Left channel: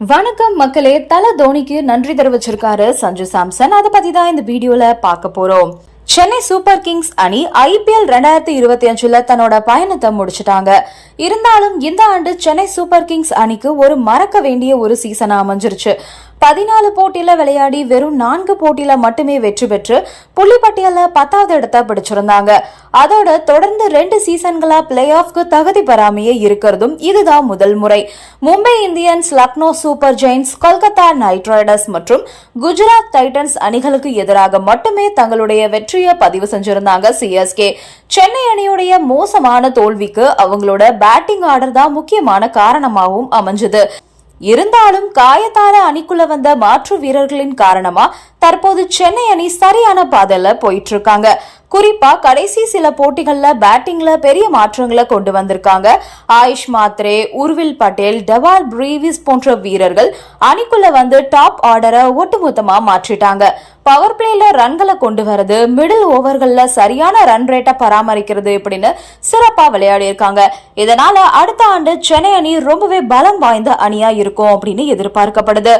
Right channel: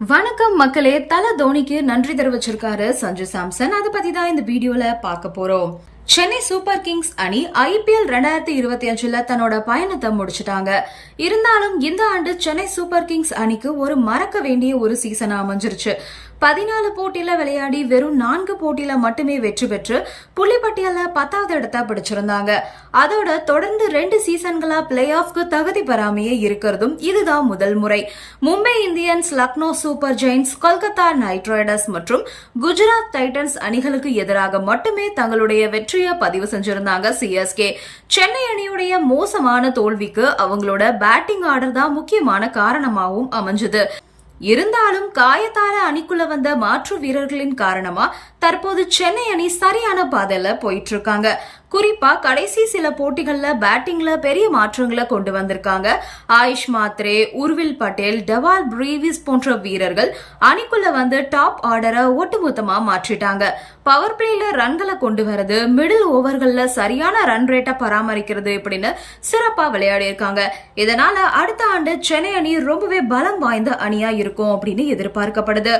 வணக்கம் மக்களே தல தோனிக்கு நன்றி தெரிவிச்சிருக்காரு சஞ்சு சாம்சன். அதை பத்தி தான் இந்த வீடியோல பார்க்க போறோம். சென்னை சூப்பர் கிங்ஸ் அணி ஐபிஎல் ரெண்டாயிரத்தி இருபத்தி அஞ்சுல தன்னோட பயணத்தை முடிச்சிட்டாங்க. இருந்தாலும் இந்த ஆண்டு சென்னை சூப்பர் கிங்ஸ் அணிக்கு ஒரு மறக்க வேண்டிய ஒரு சீசனா அமைஞ்சிருச்சு. பதினாலு போட்டியில விளையாடி வெறும் நான்கு போட்டியில மட்டுமே வெற்றி பெற்று புள்ளிப்பட்டியல பத்தாவது இடத்த பிடிச்சிருந்தாங்க. அதோட தொடர்ந்து ரெண்டு சீசன்களா பிளே ஆஃப்க்கு தகுதி பெறாமையே இருக்கிறதும் இதுதான் முதல் முறை. Mumbai Indians Lucknow Super Giants Kolkata Knight Riders மற்றும் குஜராத் டைட்டன்ஸ் அணிகளுக்கு எதிராக மட்டுமே தங்களுடைய வெற்றியை பதிவு செஞ்சிருந்தாங்க சிஎஸ்கே சென்னை அணியுடைய மோசமான தோல்விக்கு அவங்களோட பேட்டிங் ஆர்டர் தான் முக்கியமான காரணமாகவும் அமைஞ்சது. இருந்தாலும் காயத்தார அணிக்குள்ள வந்த மாற்று வீரர்களின் காரணமா தற்போது சென்னை அணி சரியான பாதையில போயிட்டு இருக்காங்க குறிப்பா கடைசி சில போட்டிகள்ல பேட்டிங்ல பெரிய மாற்றங்களை கொண்டு வந்திருக்காங்க. ஆயுஷ் மாத்ரே உர்வில் பட்டேல் டவால் பிரீவிஸ் போன்ற வீரர்கள் அணிக்குள்ள வந்து டாப் ஆர்டரை ஒட்டுமொத்தமா மாற்றிட்டாங்க. பவர் பிளேல ரன்களை கொண்டு வரது மிடில் ஓவர்கள்ல சரியான ரன் ரேட்டை பராமரிக்கிறது இப்படின்னு சிறப்பா விளையாடி இருக்காங்க. இதனால அடுத்த ஆண்டு சென்னை அணி ரொம்பவே பலம் வாய்ந்த அணியா இருக்கும் அப்படின்னு எதிர்பார்க்கப்படுது.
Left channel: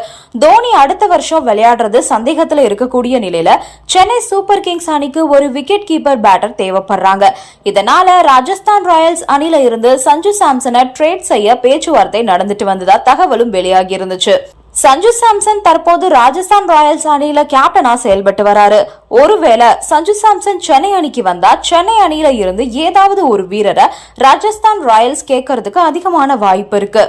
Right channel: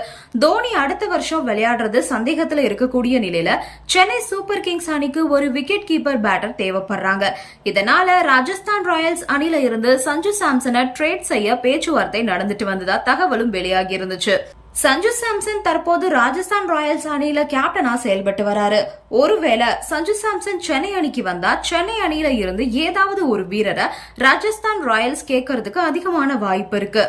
தோனி அடுத்த வருஷம் விளையாடுறது சந்தேகத்துல இருக்கக்கூடிய நிலையில சென்னை சூப்பர் கிங்ஸ் அணிக்கு ஒரு விக்கெட் கீப்பர் பேட்டர் தேவைப்படுறாங்க. இதனால ராஜஸ்தான் ராயல்ஸ் அணில இருந்து சஞ்சு சாம்சனை ட்ரேட் செய்ய பேச்சுவார்த்தை நடந்துட்டு வந்ததா தகவலும் வெளியாகி இருந்துச்சு. சஞ்சு சாம்சன் தற்போது ராஜஸ்தான் ராயல்ஸ் அணியில கேப்டனா செயல்பட்டு வராரு. ஒருவேளை சஞ்சு சாம்சன் சென்னை அணிக்கு வந்தா சென்னை அணியில இருந்து ஏதாவது ஒரு வீரரை ராஜஸ்தான் ராயல்ஸ் கேட்கறதுக்கு அதிகமான வாய்ப்பு இருக்கு.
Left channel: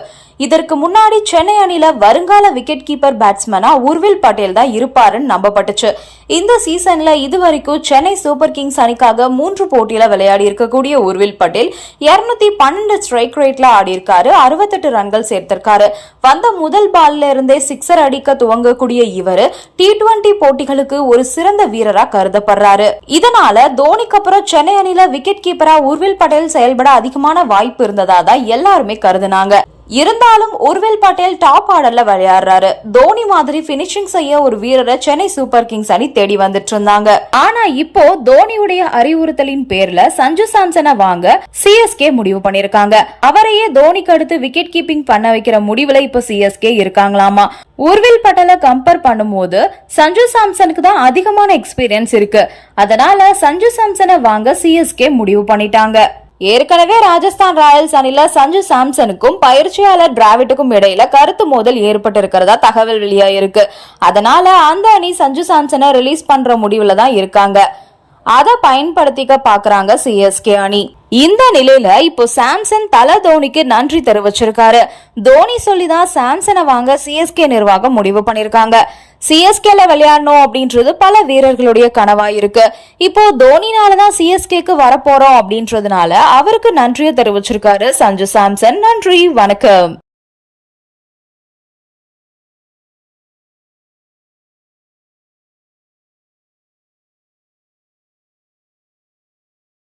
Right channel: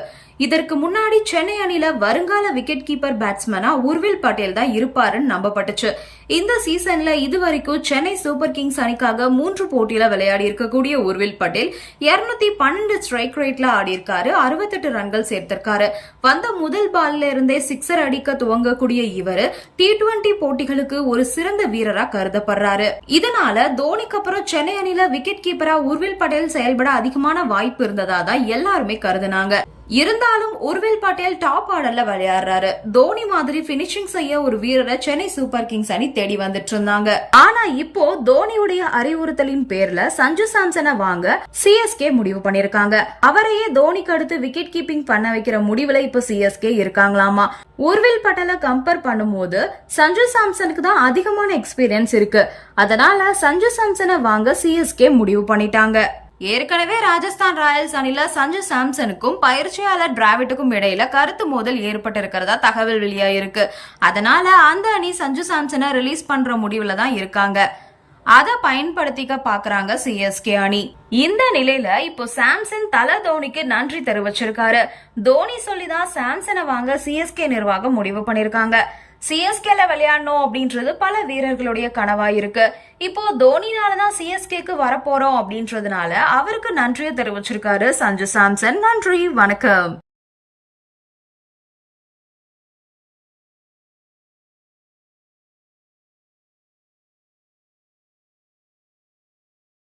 இதற்கு முன்னாடி சென்னை அணியில வருங்கால விக்கெட் கீப்பர் பேட்ஸ்மேனா உர்வில் பட்டேல் தான் இருப்பாருன்னு நம்பப்பட்டுச்சு. இந்த சீசன்ல இதுவரைக்கும் சென்னை சூப்பர் கிங்ஸ் அணிக்காக மூன்று போட்டியில விளையாடி இருக்கக்கூடிய உர்வில் பட்டேல் இருநூத்தி பன்னெண்டு ஸ்ட்ரைக் ரேட்ல ஆடி இருக்காரு அறுபத்தெட்டு ரன்கள் சேர்த்திருக்காரு. வந்த முதல் பால்ல இருந்தே சிக்ஸர் அடிக்க துவங்கக்கூடிய இவரு டி டுவெண்டி போட்டிகளுக்கு ஒரு சிறந்த வீரரா கருதப்படுறாரு. இதனால தோனிக்கு அப்புறம் சென்னை அணியில விக்கெட் கீப்பரா உர்வில் பட்டேல் செயல்பட அதிகமான வாய்ப்பு இருந்ததா தான் எல்லாருமே கருதுனாங்க. இருந்தாலும் உர்வில் பட்டேல் டாப் ஆர்டர்ல விளையாடுறாரு. தோனி மாதிரி பினிஷிங் செய்ய ஒரு வீரரை சென்னை சூப்பர் கிங்ஸ் அணி தேடி வந்துட்டு இருந்தாங்க. ஆனா இப்போ தோனியுடைய அறிவுறுத்தலின் பேர்ல சஞ்சு சாம்சனை வாங்க சிஎஸ்கே முடிவு பண்ணிருக்காங்க. அவரையே தோனிக்கு அடுத்து விக்கெட் கீப்பிங் பண்ண வைக்கிற முடிவுல இப்ப சிஎஸ்கே இருக்காங்களாமா? உர்வில் பட்டேலை கம்பேர் பண்ணும்போது சஞ்சு சாம்சனுக்கு தான் அதிகமான எக்ஸ்பீரியன்ஸ் இருக்கு. அதனால சஞ்சு சாம்சனை வாங்க சிஎஸ்கே முடிவு பண்ணிட்டாங்க. ஏற்கனவே ராஜஸ்தான் ராயல்ஸ் அணில சஞ்சு சாம்சனுக்கும் பயிற்சியாளர் டிராவிட்டுக்கும் இடையில கருத்து மோதல் ஏற்பட்டு இருக்கிறதா தகவல் வெளியாயிருக்கு. அதனால அந்த அணி சஞ்சு சாம்சனை ரிலீஸ் பண்ற முடிவுல தான் இருக்காங்க. அதை பயன்படுத்திக்க பாக்குறாங்க சிஎஸ்கே அணி. இந்த நிலையில இப்போ சாம்சன் தல தோனிக்கு நன்றி தெரிவிச்சிருக்காரு. தோனி சொல்லிதான் சாம்சனை வாங்க சிஎஸ்கே நிர்வாகம் முடிவு பண்ணிருக்காங்க. சிஎஸ்கேல விளையாடணும் அப்படின்றது பல வீரர்களுடைய கனவா இருக்கு இப்போ தோனினால தான் சிஎஸ்கேக்கு வரப்போறோம் அப்படின்றதுனால அவருக்கு நன்றியை தெரிவிச்சிருக்காரு சஞ்சு சாம்சன். நன்றி வணக்கம்.